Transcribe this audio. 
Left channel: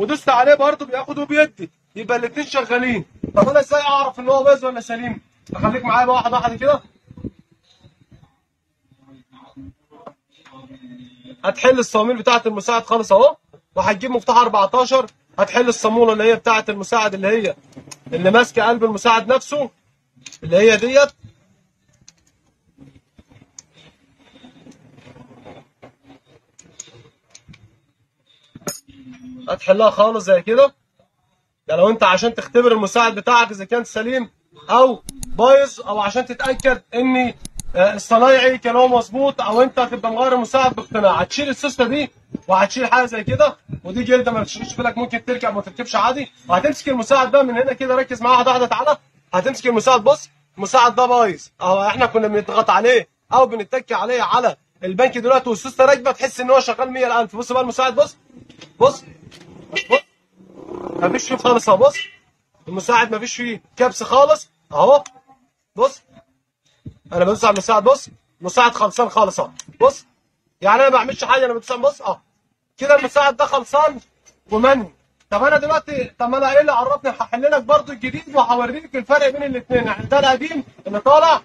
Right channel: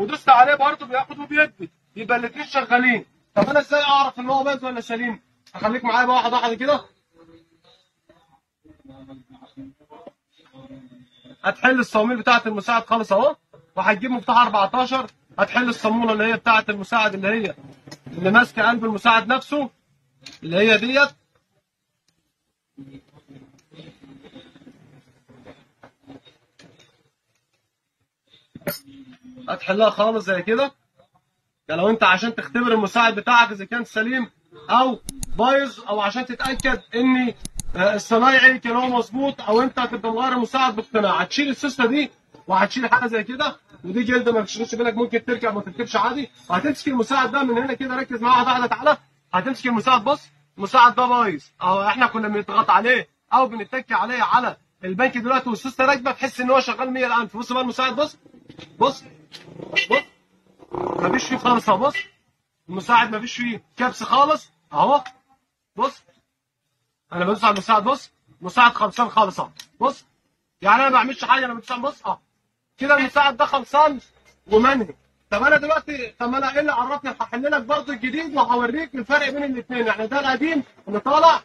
ودوست عليه برضه بياخد وبيدي، يبقى الاثنين شغالين. طب انا ازاي اعرف ان هو بايظ ولا سليم؟ اخليك معايا بقى واحده واحده كده. هتحل الصواميل بتاعه المساعد خالص اهو، وهتجيب مفتاح 14. هتحل الصاموله اللي هي بتاعه المساعد، اللي ماسكه قلب المساعد نفسه، اللي هي ديت. هتحلها خالص زي كده. ده لو انت عشان تختبر المساعد بتاعك اذا كان سليم او بايظ، او عشان تتاكد ان الصنايعي كان هو مظبوط، او انت هتبقى مغير المساعد باقتناع. هتشيل السوسته دي وهتشيل حاجه زي كده، ودي جلده ما تشغلش بالك، ممكن تركب ما تركبش عادي. وهتمسك المساعد ده من هنا كده، ركز معايا واحده واحده. تعالى هتمسك المساعد. بص المساعد ده بايظ اهو، احنا كنا بنضغط عليه او بنتك عليه على البنك دلوقتي والسوسته راكبه، تحس ان هو شغال 100,000. بص بقى المساعد، بص بص بص، مفيش فيه خالص اهو. بص المساعد مفيش فيه كبس خالص اهو. بص انا بدوس على المساعد، بص المساعد خلصان خالص اهو. بص يعني انا ما بعملش حاجه، انا بدوس. بص اه كده المساعد ده خلصان ومنهي. طب انا دلوقتي، طب انا ايه اللي عرفني؟ هحل لك برضه الجديد وهوريك الفرق بين الاثنين. يعني ده القديم اللي طالع